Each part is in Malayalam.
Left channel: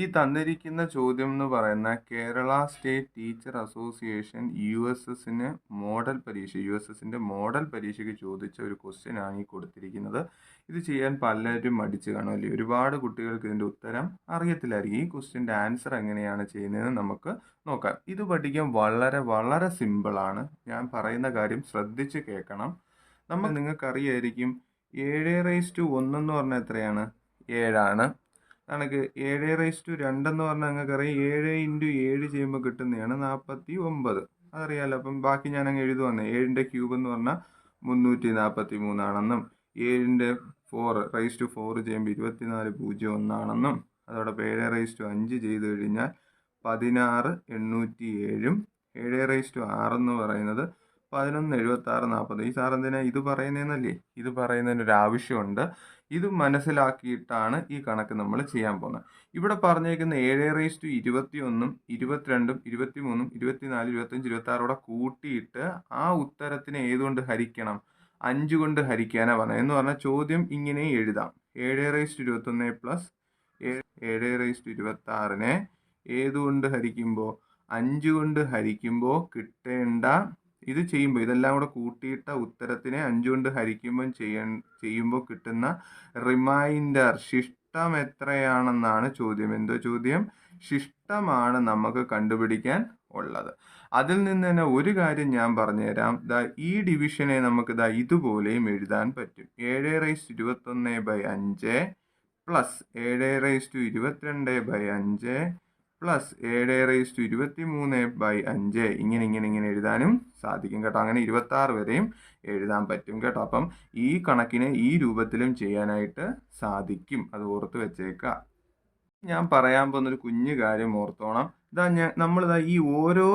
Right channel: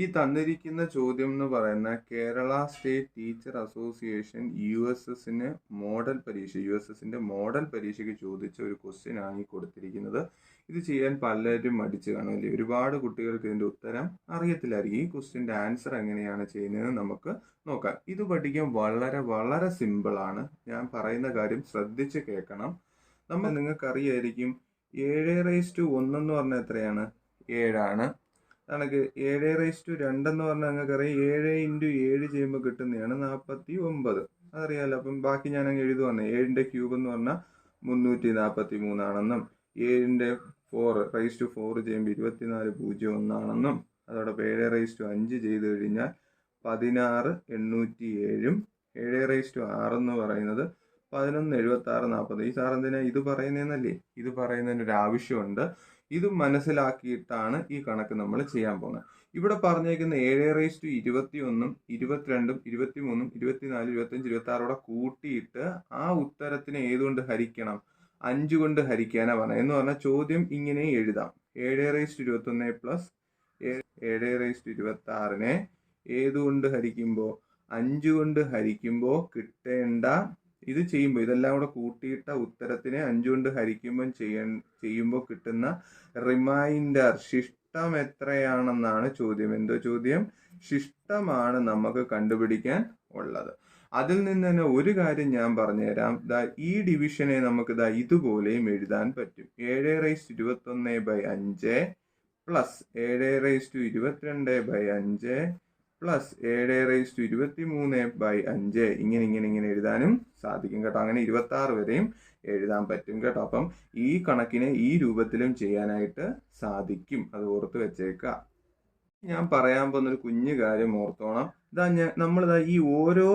ഈ തന്നിരിക്കുന്ന ചോദ്യം എന്ന് പറയുന്ന കേരള സ്റ്റേറ്റ് ടീച്ചർ അസോസിയേഷൻ യുഎസ്എസിന് യുഎസ്എസിന്റെ മോഡൽ പരീക്ഷയ്ക്ക് ചോദിച്ച ഒരു ക്വസ്റ്റ്യൻ ആണ് ഈ കൊടുത്തിരിക്കുന്നത്. ഇത് ചെയ്യാൻ പലരും മടിച്ചു കാണും അല്ലേ? ഒരുപാട് കുട്ടികൾക്ക് ഇതിന്റെ ഉത്തരം അറിയത്തില്ലായിരിക്കും. ഈ ക്വസ്റ്റ്യൻ്റെ ആൻസർ എങ്ങനെയാണ് ചെയ്യുന്നതെന്ന് നമുക്ക് നോക്കാം. ഇത് പഠിക്കാൻ വളരെ വളരെ സിമ്പിൾ ആണ്. ഞാൻ പറയുന്ന കാര്യം ശ്രദ്ധിച്ച് കേൾക്കണം. നിങ്ങൾക്ക് അറിയായിരിക്കും 7:1 എന്ന് പറഞ്ഞാൽ എത്രയാണ്? 7 നമുക്ക് 7:2 എന്ന് പറഞ്ഞാൽ നിങ്ങൾക്കറിയാം 7 × 7 ചെയ്യുമ്പോൾ കിട്ടുന്നതാണ് 49. അതറിയാലോ. അപ്പം ബാക്കി ഞാൻ അങ്ങ് എഴുതുവന്നേ. 7ന്റെ ക്യൂബ് എന്ന് പറഞ്ഞാൽ 343 ആണെന്നും 7ന്റെ 4 ചെയ്യുമ്പോൾ 2401 ആണെന്നും അതോടെ 7/5 ചെയ്ത് കഴിഞ്ഞാൽ 16,807 7/6 എന്ന് പറയുന്നത് 11,76,40. ഈ സാർ എന്തിനാ ഇത് പറയുന്നതെന്നല്ലേ? ഇത് പറയുന്നതിനൊരു ആവശ്യമുണ്ട്. ഇത് മനസ്സിലാക്കിയിട്ടാണ് ഈ കണക്ക് നമ്മൾ ചെയ്യാൻ പോകുന്നത്. ഇവിടെ പറഞ്ഞേക്കുന്ന 7/21, 22, 23, 24, 25, 26 കൂട്ടിയിട്ട് ആ ഉത്തരത്തിനെ ഏതുകൊണ്ട് ഹരിക്കണം? 5 കൊണ്ട് ഹരിക്കാനാണ് പറഞ്ഞത്. എന്ന് പറഞ്ഞാൽ ചോദ്യം ഇങ്ങനെ എഴുതാം. 7/21 പ്ലസ് 7/26 ഏതുകൊണ്ട് ഹരിക്കുമ്പോൾ 5 കൊണ്ട് ഹരിക്കുമ്പോൾ കിട്ടേണ്ട ഇത് ചെയ്യുമ്പോൾ ഇതെല്ലാം കൂടെ കൂട്ടിയിട്ട ഉത്തരത്തിനെ 5 കൊണ്ട് ഹരിക്കുമ്പോൾ ചെയ്യുമ്പോൾ കിട്ടുന്ന റിമൈൻഡർ ശിഷ്ടം എത്രയാണെന്നാണ് ചോദ്യം. എന്തോ ചോദ്യം? ശിഷ്ടമാണ് നമുക്ക് കണ്ടുപിടിക്കാൻ ഉള്ളത്. അതിൽ നിന്ന് തന്നെ ഒരു കാര്യം ഞാൻ പറഞ്ഞുതരാം. ഈ ഡിവിഷനെ നമുക്ക് ഇതുപോലെയും എഴുതാൻ പറ്റും. 7/21/5 പ്ലസ് 7/22/5 പ്ലസ് 7/23/5 ഇങ്ങനെ എഴുതാനും സാധിക്കും കേട്ടോ. അങ്ങനെ 26 വരെയും എഴുതാൻ പറ്റും കേട്ടോ. അപ്പം ഈ കണക്കിനെ ഈ രൂപത്തിലും ചെയ്യാനായിട്ട് സാധിക്കും. അത് ഓർത്ത് വെച്ചേക്കുക. ഞാൻ പറയാൻ പോകുന്നൊരു കുഞ്ഞു കാര്യം ഓർത്തോണം. നമ്മളിതാ ഈ ഓരോ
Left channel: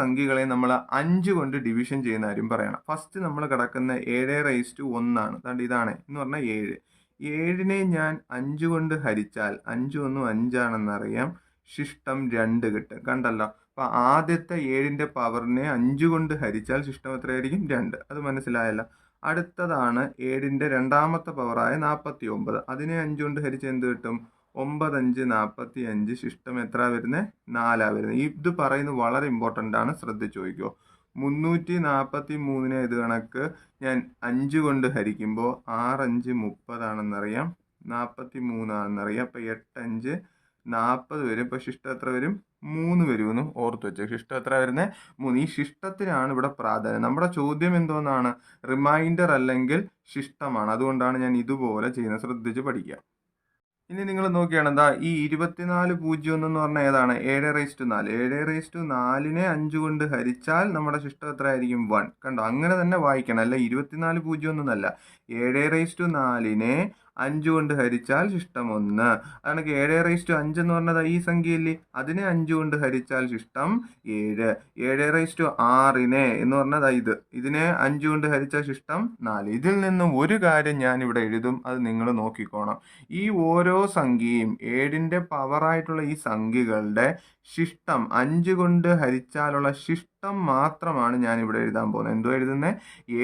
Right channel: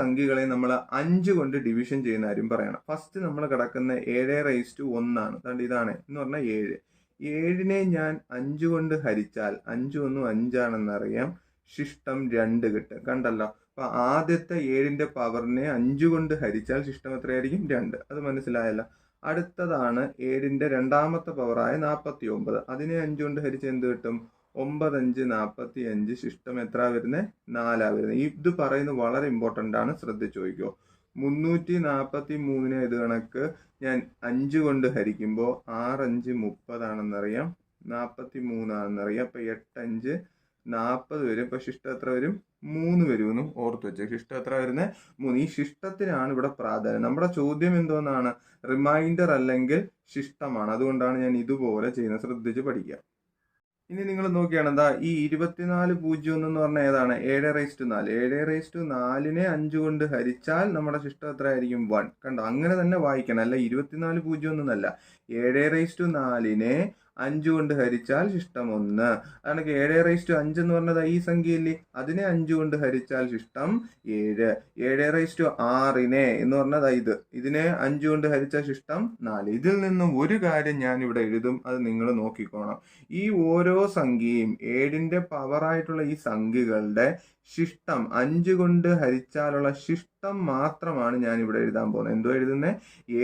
സംഖ്യകളെയും നമ്മൾ 5 കൊണ്ട് ഡിവിഷൻ ചെയ്യുന്ന കാര്യം പറയണം. ഫസ്റ്റ് നമ്മൾ കിടക്കുന്ന 7/1 ആണ്. ഇതാണ് എന്ന് പറഞ്ഞാൽ 7. 7നെ ഞാൻ 5 കൊണ്ട് ഹരിച്ചാൽ 5 1 5 ആണെന്നറിയാം. ശിഷ്ടം 2 കിട്ടും. കണ്ടല്ലോ. അപ്പൊ ആദ്യത്തെ 7ന്റെ പവറിനെ 5 കൊണ്ട് ഹരിച്ചാൽ ശിഷ്ടം എത്രയായിരിക്കും? 2. അത് മനസ്സിലായല്ലോ. അടുത്തതാണ് 7ന്റെ രണ്ടാമത്തെ പവറായ 49. അതിനെ 5 കൊണ്ട് ഹരിച്ച് എന്ത് കിട്ടും? 9 5 45. ശിഷ്ടം എത്ര വരുന്നത്? 4 വരുന്നത്. ഇത് പറയുന്നത് വളരെ ഇമ്പോർട്ടൻ്റ് ആണ്. ശ്രദ്ധിച്ചു നോക്കിക്കോ. 343 ഇത് കണക്ക് ഞാൻ 5 കൊണ്ട് ഹരിക്കുമ്പോൾ 6 5 30 ആണെന്നറിയാം. 43 ആണെന്നറിയാം. അപ്പൊ 8 5 40 വരും. ഇപ്പൊ ശിഷ്ടം എത്ര വരും? 3 വരുമെന്നും ഓർത്ത് വെച്ചു. ശിഷ്ടം എത്ര വരുന്നത്? 3. ഈ ശിഷ്ടത്തിനാണ് ഇവിടെ പ്രാധാന്യം. നമ്മുടെ ചോദ്യം എന്തോന്നാണ്? റിമൈൻഡർ അല്ലെങ്കിൽ ശിഷ്ടമാണ്. അതുകൊണ്ടാണ് ഞാൻ ഇതുപോലെ ചെയ്യുന്നത്. ശ്രദ്ധിച്ച് പഠിക്കുക. ഇനി നിങ്ങൾ നോക്കിയാണ് ഈ 24,01 എന്ന് പറഞ്ഞാൽ ഏതാണ്? 7/4. 7/4നെ 5 കൊണ്ട് ഹരിച്ചാൽ നമ്മുടെ ശിഷ്ടം എത്ര ആയിരിക്കും? 1. കണ്ടോ? അങ്ങനെ തന്നെ വായിക്കണം. അല്ല 24,01 എന്നല്ല. 7/4നെ 5 കൊണ്ട് ഹരിച്ചാൽ ശിഷ്ടം 1. അതാണ് 7/5 എന്ന് പറഞ്ഞത് ഈ സംഖ്യയില്ലേ? അതിനെ 5 കൊണ്ട് ഹരിച്ചാൽ ശിഷ്ടം 7. 7/6നെ എന്ന് പറഞ്ഞത് ഇതിനെ 5 കൊണ്ട് ഹരിച്ചാൽ ശിഷ്ടം 4. ഇതിൽ നിന്നും ഒരു കാര്യം ഞാൻ ഇവിടെ എഴുതും. അത് നിങ്ങൾ നോക്കിക്കോണം. ഈ ഓരോ സംഖ്യയും 7ന്റെ പവറായിട്ടുള്ള ഈ സംഖ്യകളുടെ ശിഷ്ടം 5 കൊണ്ട് ഹരിച്ചാലുള്ള ശിഷ്ടം മാത്രമാണ് ഞാൻ ഇവിടെ എഴുതാൻ പോകുന്നത്. എന്തോ എഴുതുന്നത്?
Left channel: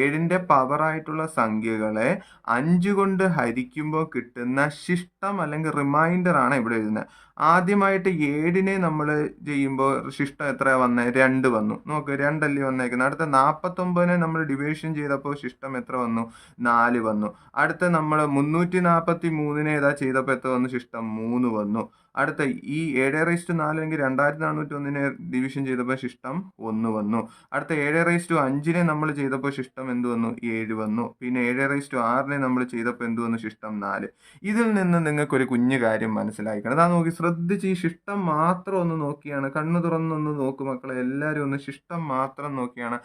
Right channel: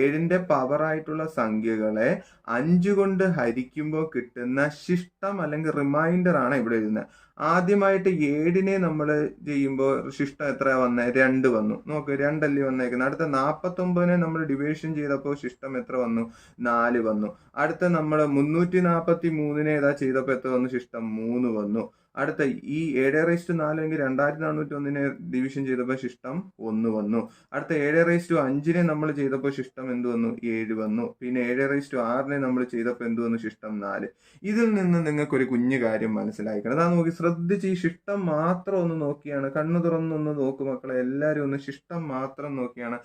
7ന്റെ പവറായിട്ടുള്ള സംഖ്യകളെ 5 കൊണ്ട് ഹരിക്കുമ്പോൾ കിട്ടുന്ന ശിഷ്ടം അല്ലെങ്കിൽ റിമൈൻഡർ ആണ് ഇവിടെ എഴുതുന്നത്. ആദ്യമായിട്ട് 7നെ നമ്മൾ ചെയ്യുമ്പോൾ ശിഷ്ടം എത്ര വന്നത്? 2 വന്നു. നോക്ക്, 2 അല്ലേ വന്നേക്കുന്നത്. അടുത്ത 49നെ നമ്മൾ ഡിവിഷൻ ചെയ്തപ്പോൾ ശിഷ്ടം എത്ര വന്നു? 4 വന്നു. അടുത്ത നമ്മൾ 343നെ ചെയ്തപ്പോൾ എത്ര വന്നു? ശിഷ്ടം 3 വന്നു. അടുത്ത ഈ 7/4 എങ്കിൽ 2401നെ ഡിവിഷൻ ചെയ്തപ്പോൾ ശിഷ്ടം 1 വന്നു. അടുത്ത 7/5നെ നമ്മൾ ചെയ്തപ്പോൾ ശിഷ്ടം എന്ത് വന്നു? 7 വന്നു. പിന്നെ 7/6നെ നമ്മൾ ചെയ്തപ്പോൾ എന്ത് വന്നു? ശിഷ്ടം 4. ഇതിൽ നിന്ന് നിങ്ങൾക്കൊരു കുഞ്ഞു കാര്യം മനസ്സിലാക്കണം. അതാ നോക്കി ശ്രദ്ധിച്ച് ഈ ശിഷ്ടം മാത്രം ഒന്ന് നോക്കിയാണ്. കണ്ണു തുറന്നൊന്ന് നോക്കും മക്കളെ. എല്ലാവരും ഒന്ന് ശിഷ്ടം മാത്രം നോക്കിയാണ്.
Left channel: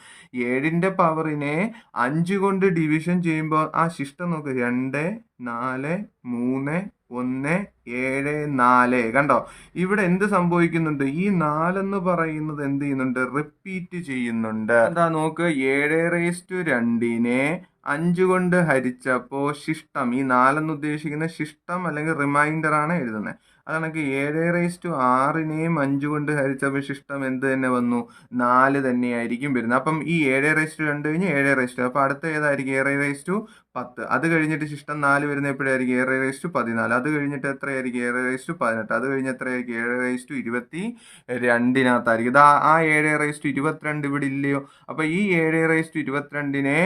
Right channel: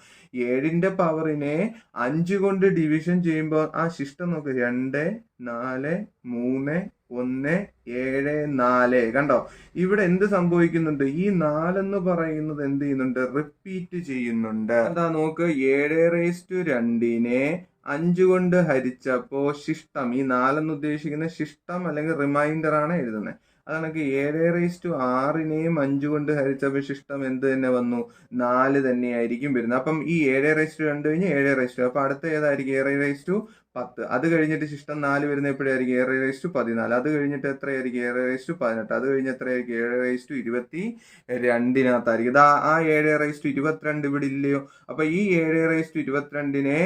7ന്റെ പവറിനെ 5 കൊണ്ട് ഡിവിഷൻ ചെയ്യുമ്പോൾ ആ ശിഷ്ടം നോക്ക്. 2 4 3 1 7 4. കണ്ടോ? ഇവിടെ എന്ത് സംഭവിക്കുന്നുണ്ട്? ഈ 4 എന്ന് പറയുന്നത് എന്ത് ചെയ്യുന്നുണ്ട്? റിപ്പീറ്റ് ചെയ്യുന്നുണ്ട്. എന്താ നോക്ക്, 7/2നെ 5 കൊണ്ട് ഹരിച്ചപ്പോ ശിഷ്ടം, ഈ 4 എന്ന് ഉദ്ദേശിക്കുന്ന ശിഷ്ടം അല്ലെങ്കിൽ റിമൈൻഡർ ആണ് എഴുതുന്നത്. അതാണെങ്കിൽ 7/6നെയും 5 കൊണ്ട് ഹരിച്ചപ്പോൾ ശിഷ്ടം എന്ത് തന്നെ വന്നു? 4 തന്നെയായിരിക്കും വരുന്നത്. അപ്പം ഈ 7/2 കഴിഞ്ഞ് 7/2, അപ്പൊ അടുത്ത ഏതായിരിക്കും? 7/10. അത് കഴിഞ്ഞിട്ട് ശിഷ്ടം 4 വരുന്ന എപ്പോഴായിരിക്കും? 7/14. അത് കഴിഞ്ഞിട്ട് എത്രയായിരിക്കും? 7/18. അത് കഴിഞ്ഞ് എത്രയായിരിക്കും? 7/22 ഇതാ ആ 7/22 ഇവിടെ ഇല്ലയോ? അപ്പൊ ഈ 7/22നെ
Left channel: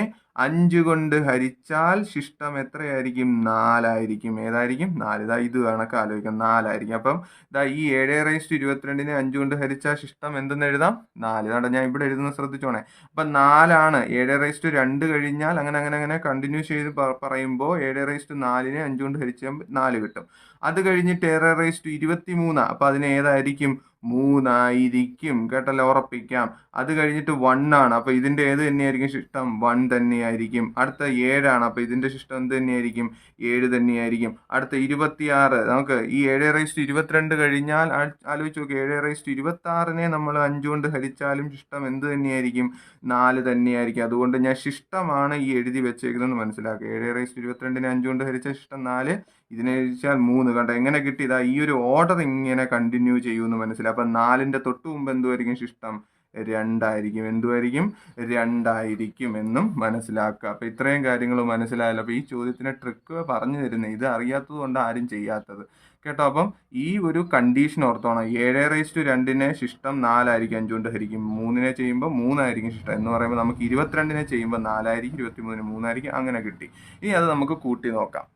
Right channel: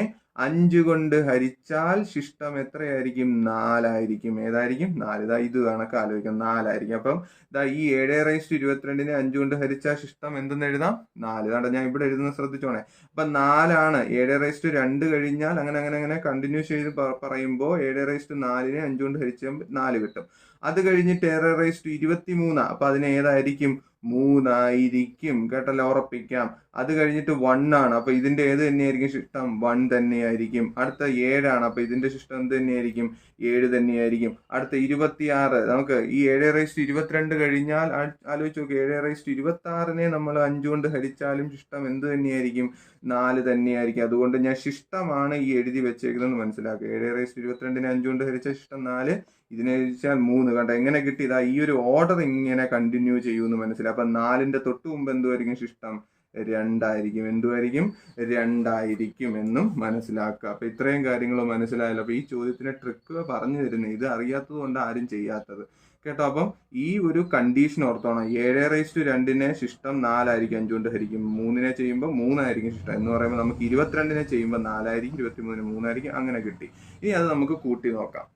5 കൊണ്ട് ഹരിച്ചാൽ ശിഷ്ടം എത്രയായിരിക്കും? 4 ആയിരിക്കും. ഏതായിരിക്കും? 4. ഇതാ ഇത് കണക്ക് ആലോചിക്കാം, 4 ആയിരിക്കും. അപ്പം ഇതാ ഈ 7/22നെ 5 കൊണ്ട് ഹരിച്ചാൽ ശിഷ്ടം എന്തെന്ന് എഴുതാം? 4. ഇതാണ്ട് ഞാൻ ഇവിടെ എഴുതുന്ന ശ്രദ്ധിച്ചോണേ. അപ്പൊ 4 7/2 കഴിഞ്ഞാൽ അങ്ങനെ അങ്ങനെ അങ്ങനെ കണ്ടിന്യൂ ചെയ്ത് പറയുമ്പോൾ 7/4നെ 5 കൊണ്ട് ഹരിച്ചാൽ 4 കിട്ടും. അത് കഴിഞ്ഞിട്ട് 7/23. അപ്പൊ അതിന് ഏതായിരിക്കും? 3 ആയിരിക്കും. കേട്ടല്ലോ, ഉറപ്പിക്കാം. അത് കഴിഞ്ഞിട്ട് 1 ആണ്. അപ്പൊ ഇതിന്റെ ഏത് തന്നെയായിരിക്കും ശിഷ്ടം? 1 തന്നെയായിരിക്കും. അടുത്ത 7 അപ്പൊ ഇതിന്റെ ശിഷ്ടം എന്ത് തന്നെയായിരിക്കും? 7 തന്നെയായിരിക്കും. അടുത്ത 26. നമുക്ക് ഈ 7/22 കഴിഞ്ഞാൽ ആലോചിച്ച് നോക്കി, 7/26നെ നമ്മൾ 5 കൊണ്ട് ഹരിച്ചാലും ശിഷ്ടം എന്ത് തന്നെയായിരിക്കും? 4 തന്നെയായിരിക്കും. അതുകൊണ്ട് ഞാൻ ശിഷ്ടമാണ് ഈ എഴുതി വെച്ചേക്കുന്നത് മനസ്സിലാക്കുക. 7/22നെ 5 കൊണ്ട് ഹരിച്ച ശിഷ്ടം 4, ഇതിനെ ഹരിച്ചാൽ 3. കണ്ടോ എങ്ങനെ കിട്ടിയതാ? ഈ ഒരു ഓർഡർ ഇങ്ങനെ കണ്ടിന്യൂ ചെയ്യുമെന്ന് മനസ്സിലായി. അപ്പൊ 4ന്റെ തൊട്ട് മുമ്പ് എന്തുമായിരിക്കും ശിഷ്ടം? 2 ആയിരിക്കും. എന്തുമായിരിക്കും? 2 ആയിരിക്കും എന്നും മനസ്സിലാക്കുക. അപ്പൊ ഇത്രയും കാര്യങ്ങൾ മനസ്സിലായല്ലോ. അപ്പൊ ഈ ചോദ്യത്തിന് ട്രിക്ക് പറഞ്ഞു തരുന്നത് ഇത് അറിയാത്തത് കൊണ്ട് ആരും ചെയ്യാത്തത് കേട്ടോ. അപ്പം ഈ ഒരു കണ്ടീഷൻ ഓർത്തോണം. 7/2നെ ശിഷ്ടം 4 ആയിരിക്കും 5 കൊണ്ട് ഹരിക്കും. 3നെ ചെയ്യുമ്പോൾ 3 ആയിരിക്കും ശിഷ്ടം എന്ന് പറയുമ്പോൾ നമുക്ക് 22നെ ചെയ്യുമ്പോൾ 4 ആയിരിക്കും, 23ന് 3 ആയിരിക്കും. അങ്ങനെ കിട്ടി. ഇനി അത് നമുക്ക് കൂട്ടി നോക്കാം.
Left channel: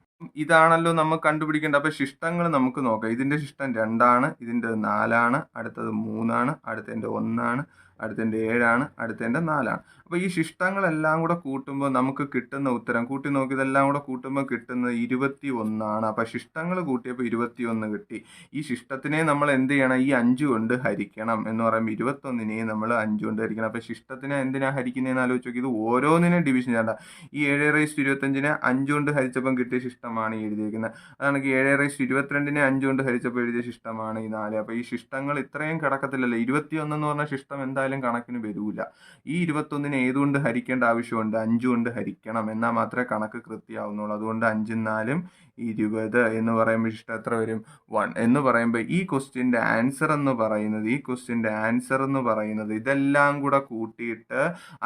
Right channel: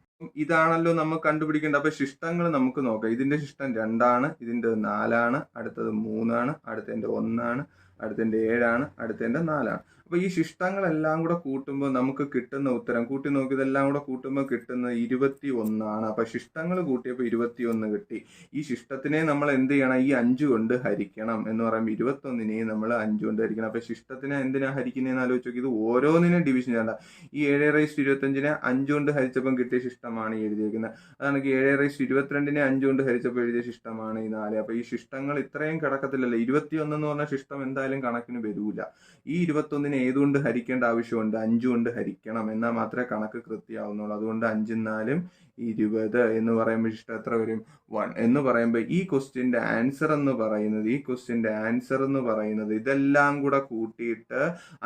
ഇതാണല്ലോ നമ്മൾ കണ്ടുപിടിക്കേണ്ടത്. അപ്പൊ ശിഷ്ടങ്ങൾ നമുക്ക് നോക്കാം. ഇതിന്റെ ശിഷ്ടം 2 ഇതിന്റെ 4, അടുത്തത് 3, അടുത്തതിന്റെ 1, അടുത്തതിന്റെ 7, അടുത്തതിന്റെ 4. അപ്പൊ ഈ ശിഷ്ടങ്ങളെല്ലാം കൂടെ കൂട്ടുമ്പോൾ നമുക്ക് കിട്ടുന്ന ഉത്തരം കൂട്ടി നോക്കി, ഇതെല്ലാം കൂടെ കൂട്ടുമ്പോൾ കിട്ടുന്നത് 21. അപ്പൊ ശിഷ്ടങ്ങൾ കൂട്ടിയപ്പോൾ 21 കിട്ടി. ഈ ശിഷ്ടത്തിനെ നമ്മൾ എന്ത് ചെയ്യണം? ഈ 5 കൊണ്ട് ഹരിക്കണം എന്ന് പറയുമ്പോൾ 21നെ നമ്മൾ 5 കൊണ്ട് ഹരിക്കണം. അപ്പൊ ശിഷ്ടത്തിനെ എന്തിനാ ഹരിക്കുന്നതെന്ന് ആലോചിച്ച് നോക്കി. ഇത് ഓരോന്നിനും ഡിവിഷൻ ചെയ്യണ്ട. ഈ 7/25നെ 5 കൊണ്ട് ഹരിച്ചപ്പം കിട്ടിയ ശിഷ്ടമാണ് ഈ എഴുതിയിരിക്കുന്നത്. അതാണ് 7/22നെ 5 കൊണ്ട് ഹരിച്ചപ്പോൾ എഴുതിയ ശിഷ്ടമാണ് ഈ 4. അപ്പൊ ഈ ശിഷ്ടങ്ങൾ ഇത്രയും കിടക്കത്തില്ലല്ലോ. 21 എന്ന് പറഞ്ഞ ശിഷ്ടം എന്തായാലും കണക്കിന് വരൂല. ഈ 21നെ ഏതുകൊണ്ട് ഹരിക്കേണ്ട ആവശ്യമുണ്ട്? 5 കൊണ്ട് ഹരിക്കണം. എന്നാൽ മാത്രമേ കണക്ക് കൃത്യമാവുന്നുള്ളൂ. അതുകൊണ്ട് 5 4 20 എന്ന് പറയുമ്പോൾ ശിഷ്ടം എത്ര വരും? 1 എന്ന് പറയുമ്പോൾ ഈ ക്വസ്റ്റ്യന്റെ ആൻസർ എന്ന് പറയുന്നത് ഇതെല്ലാം കൂടെ കൂട്ടിയിട്ട്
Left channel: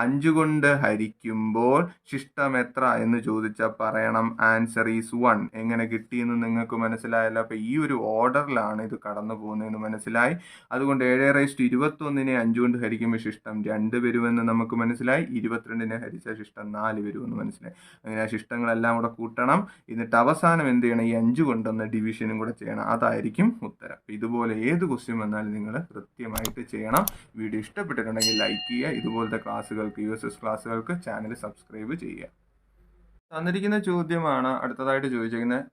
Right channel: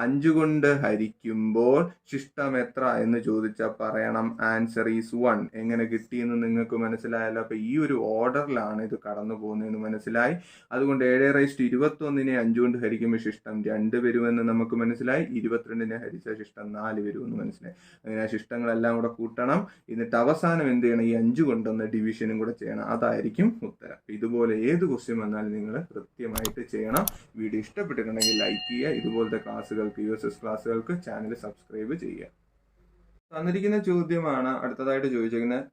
5 കൊണ്ട് ഹരിക്കുമ്പോൾ ശിഷ്ടം എത്ര എന്ന് ചോദിച്ചാൽ പറയണം ആൻസർ ഈസ് 1. എങ്ങനെ കിട്ടിയെന്ന് നിങ്ങൾക്ക് മനസ്സിലായല്ലോ. അപ്പൊ ഈ ഒരു ഓർഡറിലാണ് ഇത് കടന്നു പോകുന്നതെന്ന് മനസ്സിലായി. അതുകൊണ്ട് 7/21നെ 5 കൊണ്ട് ഹരിക്കുമ്പോൾ ശിഷ്ടം 2 വരുമെന്ന് നമുക്ക് മനസ്സിലായി. 22നെ ഹരിച്ച ശിഷ്ടം 4 വരുമെന്ന് മനസ്സിലായി. അങ്ങനെ ആ ശിഷ്ടങ്ങളെല്ലാം കൂടെ കൂട്ടണം. എന്നിട്ട് അവസാനം എന്ത് ചെയ്യണം? ഈ 5 കൊണ്ടൊന്ന് ഡിവിഷനും കൂടെ ചെയ്യണം. അതായിരിക്കും ഉത്തരം. ഇതുപോലെ ഏത് ക്വസ്റ്റ്യൻ വന്നാലും നിങ്ങൾ കൃത്യമായിട്ട് ചെയ്യണം. വീഡിയോ ഇഷ്ടപ്പെട്ടിട്ടുണ്ടെങ്കിൽ ലൈക്ക് ചെയ്യുക. ഇതുപോലത്തെ ക്ലാസ്സുകൾക്ക്, USS ക്ലാസ്സുകൾക്ക് ചാനൽ സബ്സ്ക്രൈബ് ചെയ്യുക. തന്നിരിക്കുന്ന ചോദ്യമാണ് അടുത്തതായിട്ട് ചോദിച്ചിരിക്കുന്നത്.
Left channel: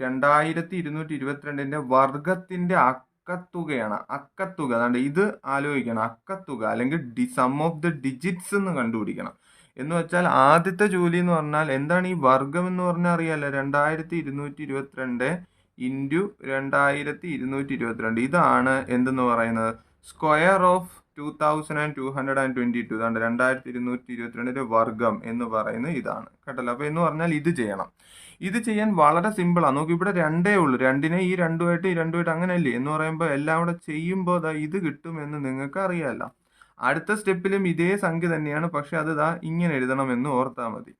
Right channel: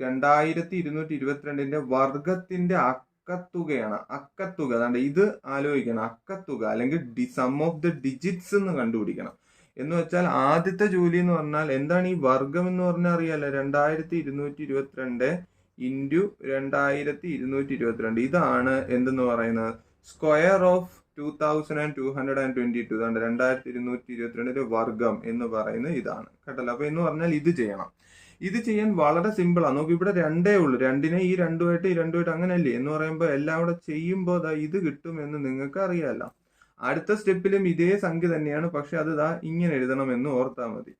2222ന്റെ വർഗത്തിന്റെ അക്കത്തുകയാണ്. അക്കത്തുക അതാണ്ട് ഇത് ആലോചിക്കണം. അക്കത്തുക അല്ലെങ്കിൽ സം ഓഫ് ദ ഡിജിറ്റ്സ് എന്ന് കണ്ടുപിടിക്കണം. എന്ന് വെച്ചാൽ ആദ്യത്തെ ജോലി എന്ന് പറഞ്ഞാൽ എന്താണ് ഈ വർഗം എന്ന് പറഞ്ഞാൽ അറിയാലോ. 2222 ഇൻറ്റു 2222 ഇതാണ് എന്തെന്ന് പറയുന്നത്? Square of 2222. ഇതാണ് 2222ന്റെ വർഗം എന്ന് പറയുന്നത് ഇതാണ് കേട്ടല്ലോ. അപ്പൊ എന്ന് പറഞ്ഞാൽ ഇത് ചെയ്യണം. ഇത് ചെയ്യാൻ വളരെ സിമ്പിളാണ്. നോക്കി, ഇവിടെ 2 ഉള്ളൂ. 2നെ ഈ 2 ഈ 2 അങ്ങനെയല്ലേ എന്ന് പറയുമ്പോൾ എല്ലാം കൂടെ ചെയ്യുമ്പോൾ ഇത് കിട്ടുമെന്ന് നിങ്ങൾക്ക് അറിയാമല്ലോ. അടുത്ത സ്റ്റെപ്പിലും ഇതേ സംഖ്യ തന്നെയാണ്, പക്ഷെ അത് ഇങ്ങനെ എഴുതണമെന്ന് ഓർത്താൽ മതി.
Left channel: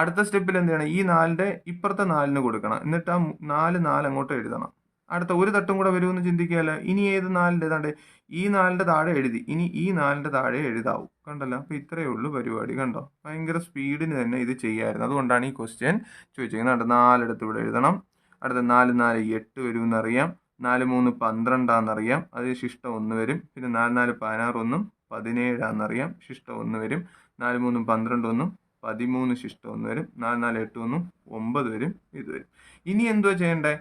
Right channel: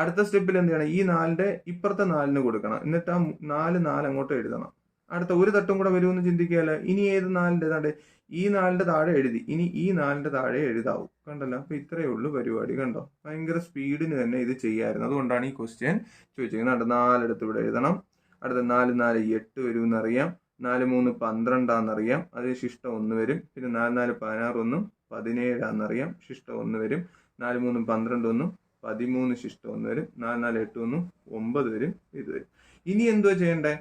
അടുത്ത സ്റ്റെപ്പിൽ എന്താണ്? ഈ 4ന്റെ ഇപ്പുറത്തെ 4ന് കൊടുക്കണം. എന്നിട്ട് ആ 4 അങ്ങോട്ട് എഴുതണം. അടുത്ത ഒരു തട്ടും കൂടെ വരുമെന്ന് ചിന്തിക്കുകയല്ലേ. ഇനി ഏത് 4ന്റെ ഏതാണ്ട് ഈ 4ന്റെ താഴെ എഴുതി. ഇനി ഈ 4ന്റെ താഴെ എഴുതാവൂ. കണ്ടല്ലോ. അപ്പൊ ഇത്രയേ ഉള്ളൂ പരിപാടി. കണ്ടോ, ഭയങ്കര സ്പീഡിന് തന്നെ ഇത് ചെയ്യാമായിരുന്നു. അതുകൊണ്ടാണ് ഈ ക്വസ്റ്റ്യൻ ചോദിച്ചിരിക്കുന്നത്. 4 എടുത്ത് ഇവിടെ എഴുതണം. അടുത്ത 4 4 8 വരുമെന്നറിയാം. 4 3 12 അത് ശിഷ്ടം 1 വരും. പിന്നെ 4 4 16 17 ശിഷ്ടം 1 വരും. 4 3 12 13 ശിഷ്ടം 1 വരും. 4 4 8 9 വരും. ഇത് വരും. ഇനി എന്തോ ചെയ്യണ്ടേ?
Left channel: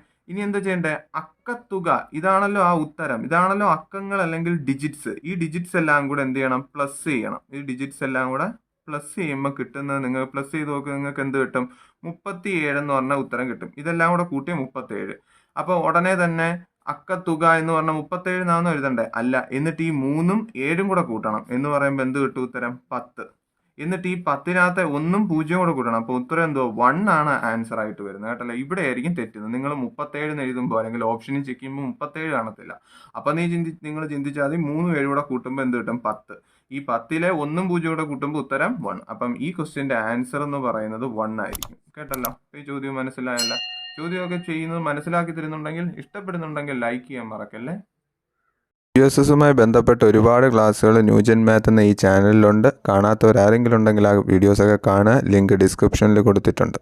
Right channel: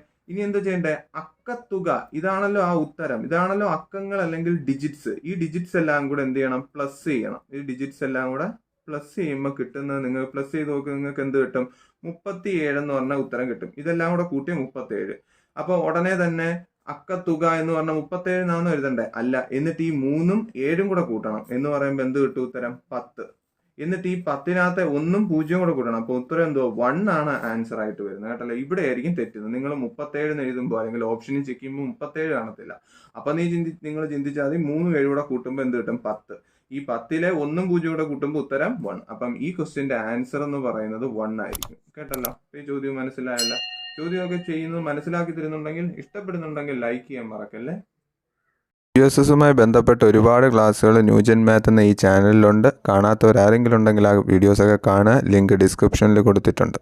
അക്കത്തുക. ഇതാണല്ലോ ആ ഉത്തരം. ഇതാണല്ലോ അക്കങ്ങൾ അല്ലെങ്കിൽ ഡിജിറ്റ്സ്. ഈ ഡിജിറ്റ്സ് എല്ലാം കൂടെ എന്ത് ചെയ്യണം? പ്ലസ് ചെയ്യണം. ഈ ഡിജിറ്റ്സ് എല്ലാം കൂടെ പ്ലസ് ചെയ്യുമ്പോൾ കിട്ടുന്നത്, നിങ്ങൾ പ്ലസ് ചെയ്ത് നോക്കുക, നിങ്ങൾക്ക് എന്ത് കിട്ടും? 37 എന്ന് പറഞ്ഞ ഉത്തരം കിട്ടും. ഇതെല്ലാം കൂടെ കൂട്ടി 37. അപ്പൊ ഉടനെ തന്നെ അക്കത്തുക എന്ന് പറഞ്ഞാൽ 37 എഴുതണ്ടേ? അല്ല. എന്നിട്ട് ഈ 3ഉം 7ഉം കൂടെ കൂട്ടണം എന്ന് പറയുമ്പോൾ എന്ത് കിട്ടും? ഉത്തരം 10. എന്നിട്ട് ഈ 10-നകത്തെ 1ഉം 0 കൂടെ കൂട്ടണം. അപ്പോൾ ഉത്തരം എന്തോ 1 ആണ് ആൻസർ ആയിട്ട് വരുന്നത് കേട്ടല്ലോ. ഇവിടെ ആയിരിക്കും തെറ്റുന്നത്. നിങ്ങൾ 37 എഴുതുമ്പോൾ അല്ലെങ്കിൽ ഓപ്ഷനിൽ ചെക്ക് ചെയ്യുമ്പോൾ 37 കാണത്തില്ല. അപ്പം നിങ്ങൾ ചിന്തിച്ചാൽ മതി 3 7 കൂടെ കൂട്ടുമ്പോൾ എന്ത് കിട്ടും? 10. ഈ 10-ലെ 1ഉം 0 കൂടെ കൂട്ടുമ്പോൾ ഉത്തരം 1. അപ്പം ഈ ക്വസ്റ്റ്യന്റെ ആൻസർ എന്ന് പറയുന്നത് 1 ആയിരിക്കും കേട്ടല്ലോ. ഈ ചോദ്യം മനസ്സിലായല്ല? ചോദ്യമൊക്കെ ചെയ്യുന്നത് മനസ്സിലാക്കി തരുന്നുണ്ടെങ്കിൽ, ഇഷ്ടപ്പെടുന്നുണ്ടെങ്കിൽ ലൈക്ക് ചെയ്യാൻ മറക്കല്ലേ. USSുമായി ബന്ധപ്പെട്ട് ഒരുപാട് ക്ലാസ്സുകൾ ന്യൂജൻ മാത്ത് എന്ന ഈ ചാനലിലുണ്ട്. കാണാത്തവരാരെങ്കിലും ഉണ്ടെങ്കിൽ ആ വീഡിയോസൊക്കെ കാണുക. ലിങ്ക് ഡിസ്ക്രിപ്ഷനിൽ കൊടുത്തിട്ടുണ്ട്.